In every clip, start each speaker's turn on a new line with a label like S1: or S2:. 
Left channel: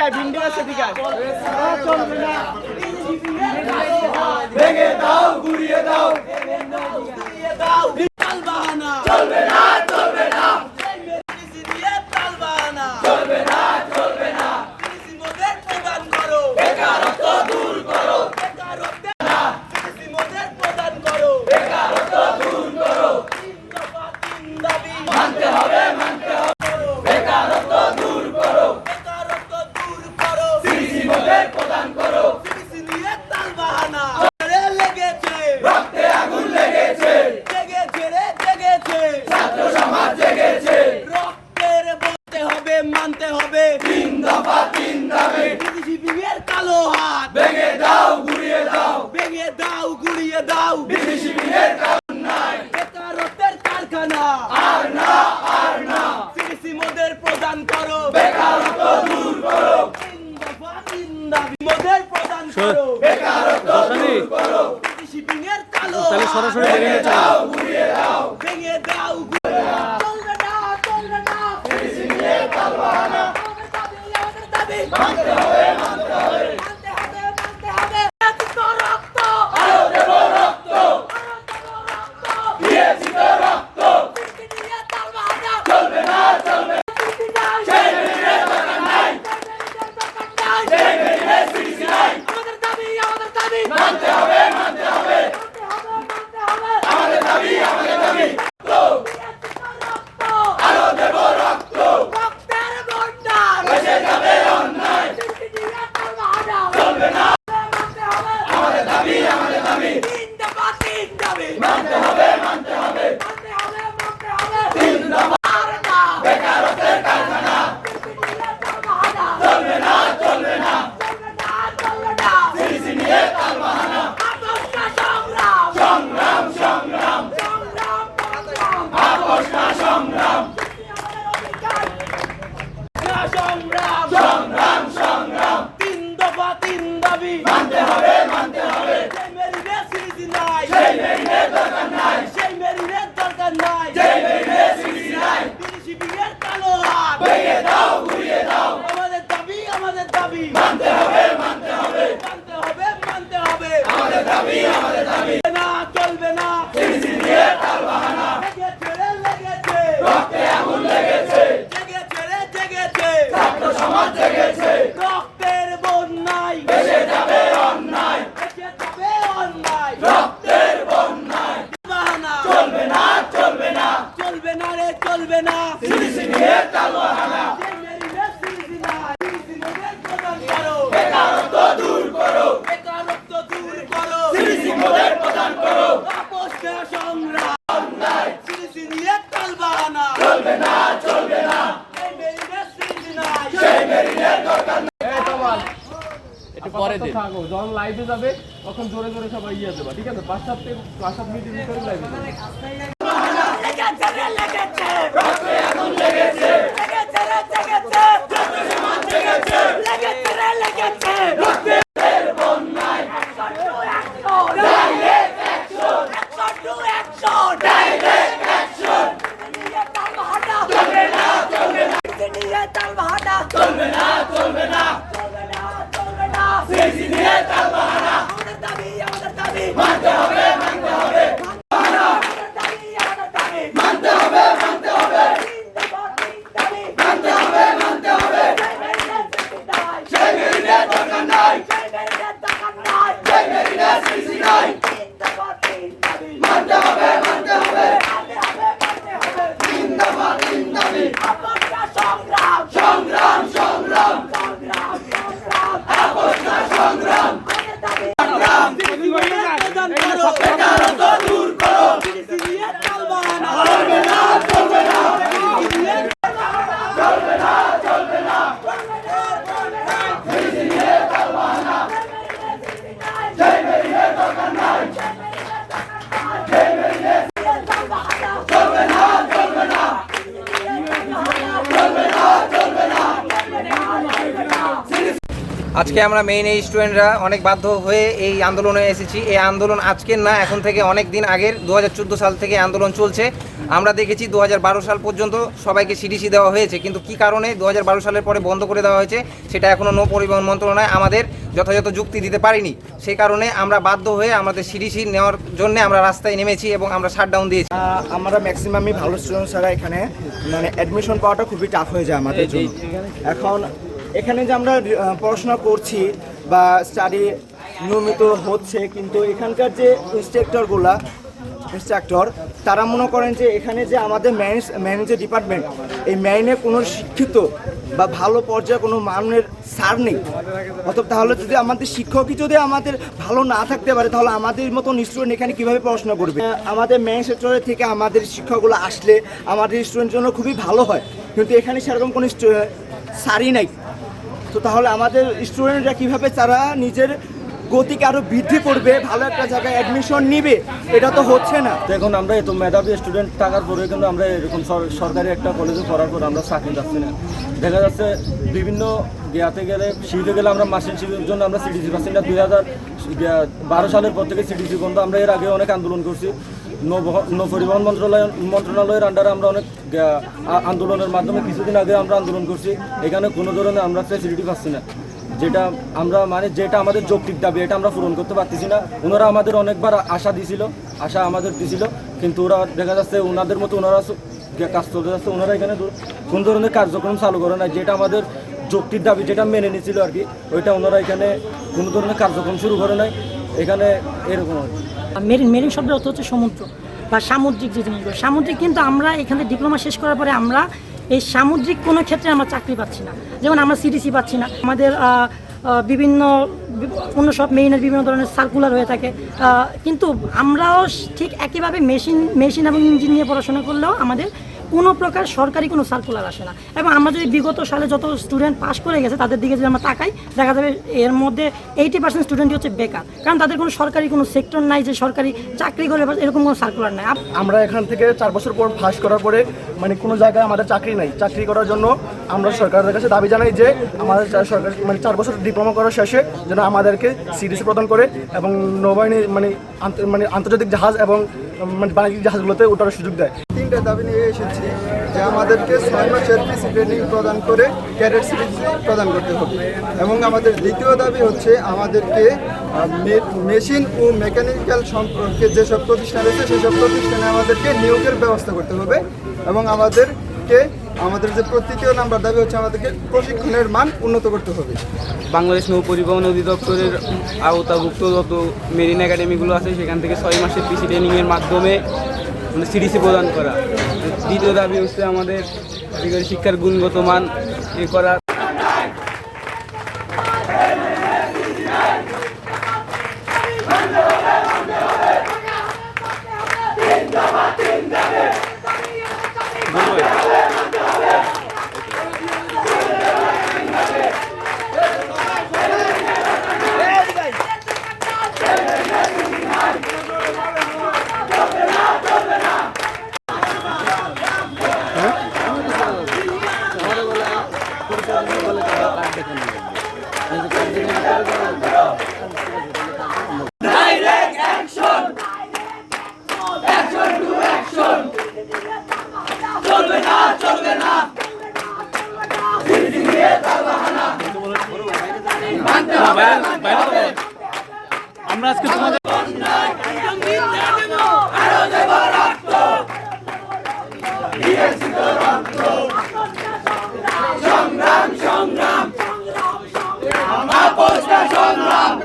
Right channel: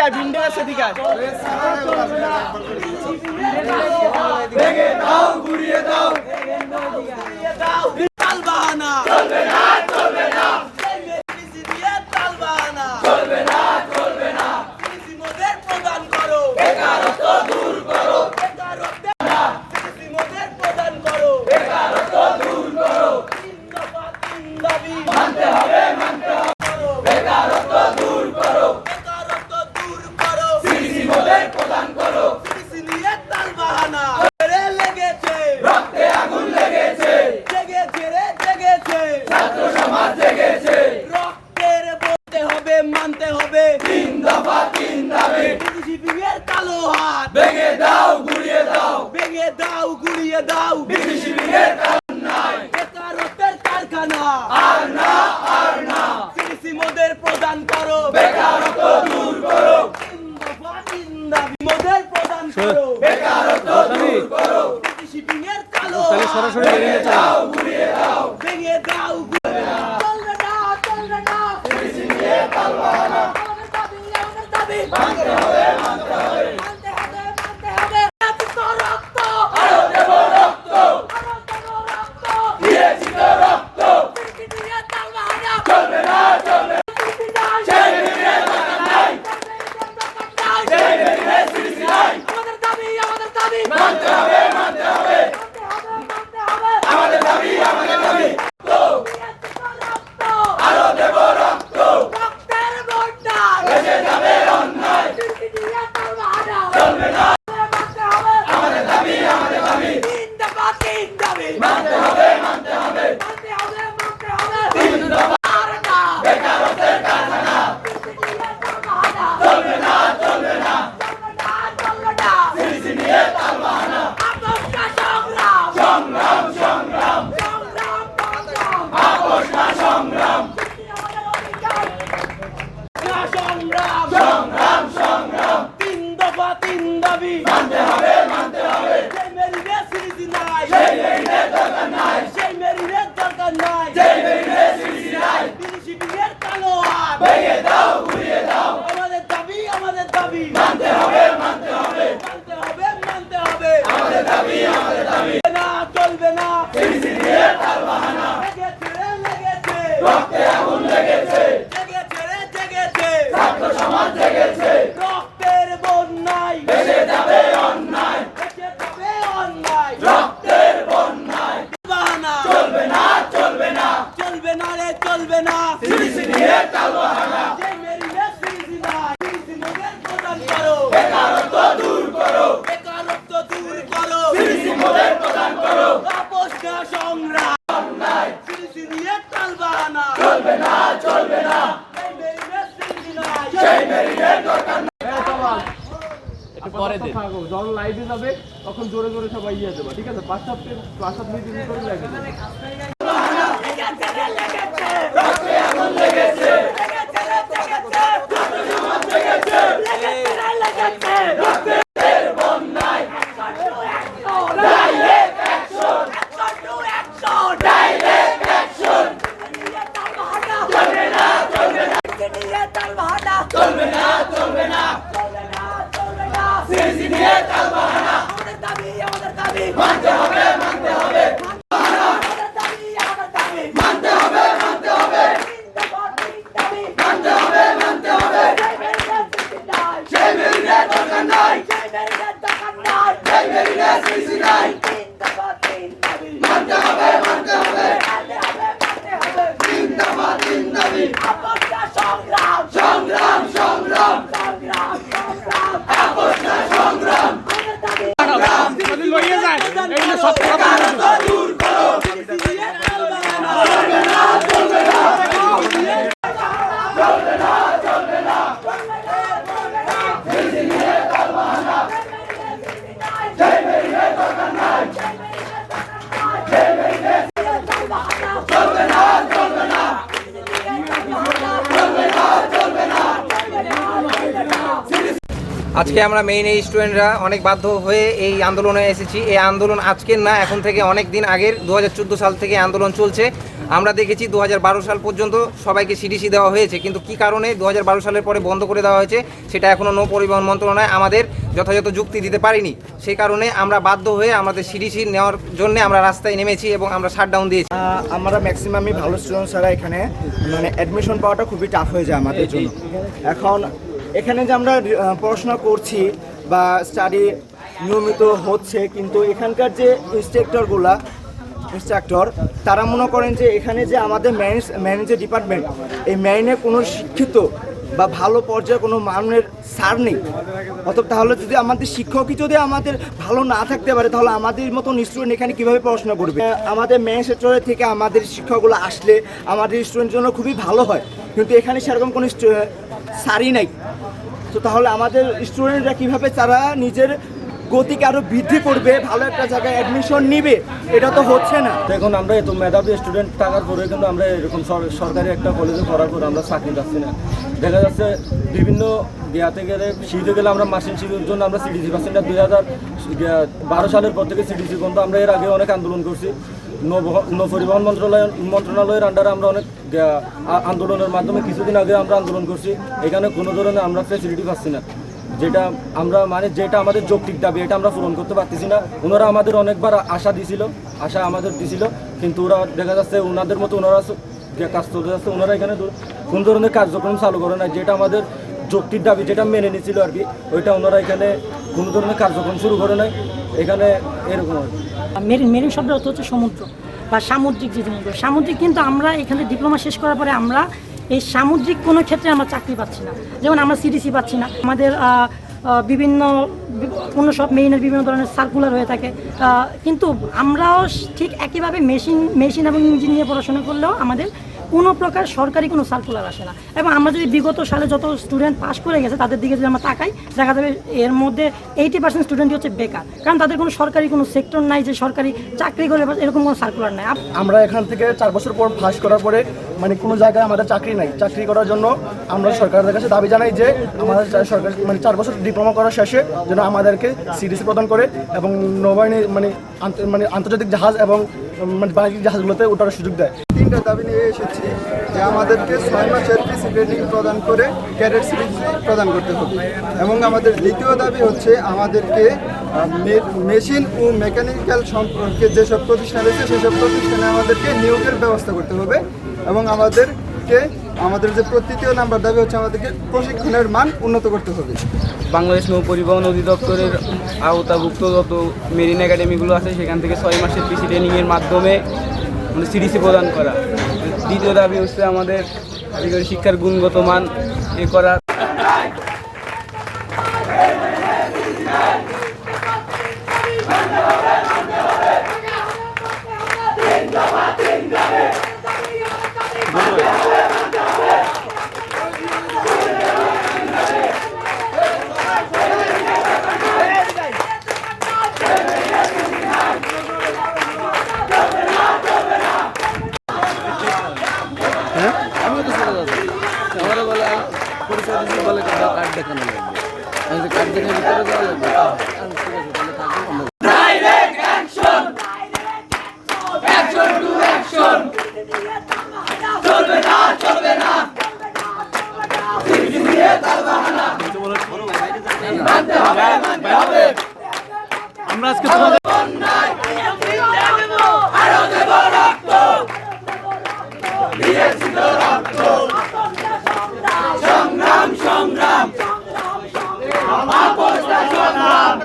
S1: সেদিকে ভিন্ডা সেদিকে
S2: ভেঙে দাও গুড়িয়ে দাও। চলবে কালো হাত। ভেঙে দাও গুড়িয়ে দাও। ভেঙে দাও গুড়িয়ে দাও। বিসি শিবিরের কারণ বেকারত্বের কারখানা। আর না আর না। কৃষি মোদের প্রদান করো। বেকারত্ব দূর করো। মোদের প্রদান করো। বেকারত্ব দূর করো।
S1: তাহলে সরাসরি বেরিয়ে চলো।
S2: ভেঙে দাও চলবে না চলবে না। até a tonight. Yeah. চলবে না চলবে না।
S1: যখন লাইভে যাবে তখন জোরে জোরে সবাই ইয়ে ঠিক আছে? পাঁচ সাত পাঁচ সাত করে
S3: আজকে আমরা মেইন এই স্টুডেন্টরা অনেক বাধ্য হয়ে এই আন্দোলনে এসেছি। এই আন্দোলন আজকের না, এখন থেকে অনেক দিন আগের দু হাজার চোদ্দ সাল থেকে আন্দোলন চলছে। আমরা দেখেছি দু হাজার বারো সাল পর্যন্ত সবাইকে সিডিসি দেওয়া হয়েছে। কিন্তু কি কারণে দু হাজার বারো সালের পরে বন্ধ করে দেওয়া হয়েছে, সেটা এখনও নৌ পরিবহন মন্ত্রণালয় আমাদের যথাযথ যুক্তি দিতে পারিনি। সেই কারণে আমরা বাধ্য হয়ে আমাদের সিডিসি নেওয়ার জন্য আমরা রাস্তায় নেমেছি এবং আমরা শাটডাউন দিয়েছি।
S4: আমরা ম্যাক্সিমামই ভালো স্টুডেন্ট ছাড়া এখানে মানে অ্যাডমিশন পাওয়াটা খুবই টাফ হয়ে যায় আমাদের জন্য। এখন এখানে যে আমরা পড়াশোনা করছি বা স্টাডি নিয়মিত হচ্ছে, কিন্তু এখানকার যে ইনস্ট্রাক্টরগুলা ইনস্ট্রাক্টর তারা মনে করেন যে এখানে যে আমাদের ম্যানেজ ম্যানেজের ডিপার্টমেন্ট এই ম্যানে কোনো শিক্ষিত বা ভালো পর্যায়ে কোনো মানের সার নেই। অথবা তাহলে যদি আমাদের শিক্ষকই যদি আমাদের ভালো না থাকতে পারে, তাহলে আমাদের মতন স্টুডেন্ট এখানে কীভাবে পড়াশোনা করবে? আমাদের ম্যান সেক্টরের থেকে আমাদের শিক্ষকগুলো আসলে আমাদের স্টুডেন্টের জন্য খুবই ভালো হয়। কিন্তু এখানে সেরকম কোনো সারই নাই। তো তাহলে আমাদের স্টুডেন্টরা কীভাবে তারা নিজের গতিকে আরও বৃদ্ধি করবে, ভালো একটা জায়গায় অ্যাডমিশন নিবে, এটা তো হচ্ছে না।
S5: তো এখন আমরা এত মেধাবী স্টুডেন্ট থাকার পরে কিন্তু আমরা এরকম সরকারি একটা কলেজে পড়ার পর আমরা চাকরি পাচ্ছি না। দেখা যাচ্ছে বিভিন্ন গিয়াতে গেলে শিফে গেলে আমরা মাসিন শিফের জন্য আমরা সিডিসি পাচ্ছি না। দুই হাজার বারো সালের পর থেকে সিডিসি বন্ধ আমরা এর আগে অনেক আন্দোলন করছি। নৌ- নৌ পরিবহন মন্ত্রণালয় মন্ত্রণালয়ের আন্ডারে আমরা অনেক আন্দোলনের মাধ্যমে কিছুদিন আগে আমরা আন্দোলন করছি। এখানে কোনো ধরনের আমরা ফেসিলিটি পাচ্ছি না। যেটা আমরা মানে যেটা আমাদের যৌক্তিক দাবি, এটা আমরা পূরণ করতে পারতেছি না। ওনারা আমাদের অনেকবার আশা দিছিল, আশা আমাদের দিছিল, কিন্তু ওরা দেখা যাচ্ছে ওনাদের মতো ওনারা কাজ চলতে যাচ্ছে, ওনারা এখানে কোন ধরনের কার্যক্রম চালু করে না যেটা আমাদের যৌক্তিক দাবি, যেটা মেনে নিয়েছিল আর কি, ওইটা ওনারা এখানে কোনো ধরনের কার্যক্রম শুরু করে নাই। এখানে এরকম আর কি।
S6: মেরিন মেরিন শব্দ অর্থ হচ্ছে সমুদ্র বা সামুদ্রিক যে জিনিসগুলো। সামুদ্রিক কিন্তু আমরা এখানে ডিপ্লোমা শেষ করার পরে আমরা এই সামুদ্রিক কোনো ক্ষেত্রে আমরা চাকরি পাচ্ছি না। যেমন আমরা সিডিসি পাচ্ছি না। আমাদের বিভিন্ন, অন্য সব মেরিনের বিভিন্ন ধরনের সার্কুলার হয়ে থাকে। কিন্তু আমরাও ঠিক একইভাবে মেশিন মেশিন এবং ইঞ্জিনিয়ার পড়াশোনা করলেও আমাদের কোনো প্রকার সরকারি কোনো সার্কুলার আসে না। এবং আমরা যদি বিগত সালে যত স্টুডেন্ট পাস করে গেছে, তাদের দিকে যদি আমরা তাকাই, দেখা যাবে এর মধ্যে এইটি পার্সেন্ট স্টুডেন্টই হচ্ছে বেকার। কারণ তাদের কোনো সরকারি কোনো সেক্টর নাই যে সরকারি চাকরি করে এরকম কোনো সার্কুলার নাই।
S4: আমরা এখান থেকে চার বছর পর পাস করার পরে মানে কোনো জায়গায় আমাদের চাকরি নাই। চাকরি করার জন্য আমরা সরকারের কাছে দাবি জানাই যে আমাদের সরকার মানে চার বছর ডিপ্লোমা করার শেষে যেন আমাদেরকে সিডিসি প্রদান করে এবং নৌবাহিনী মানে মানে আন্তর্জাতিক জাহাজ এবং মানে বাণিজ্যিক জাহাজগুলোতে ওঠার সুযোগ দেয়।
S7: তিনটা দাবি নিয়ে এসেছি, যে আমাদেরকে ছয় মাসের পিসি ট্রেনিং প্রদান করে ক্যাডেট সিরিজ প্রদান করতে হবে। এবং আমাদের দ্বিতীয় দাবি হচ্ছে আমাদেরকে মেশিন ও মেকানিক্যাল সম্পর্কে যেসব প্রতিষ্ঠান রয়েছে, সেসব প্রতিষ্ঠানে আমাদেরকে নিয়োগের ব্যবস্থা করতে হবে এবং আমাদেরকে আমাদের যে তৃতীয় নাম্বার দাবি হচ্ছে আমাদেরকে প্রশিক্ষণের মান উন্নত করতে হবে।
S8: বাংলাদেশ নৌ পরিবহন অধিদপ্তরের আওতাভুক্ত যত মেরিন একাডেমিগুলো আছে, সেখান থেকে ছয় মাসের পিসি ট্রেনিংয়ের মাধ্যমে মানে সিডিসি প্রদান করা। দ্বিতীয় দাবি হচ্ছে আমাদের কারিগরি শিক্ষার গুণগত মান এ করা
S2: আমরা আজকে তোমাদের সংগ্রাম। সংগ্রাম সংগ্রাম।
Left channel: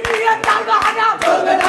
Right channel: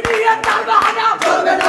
S2: دنيا تعال معنا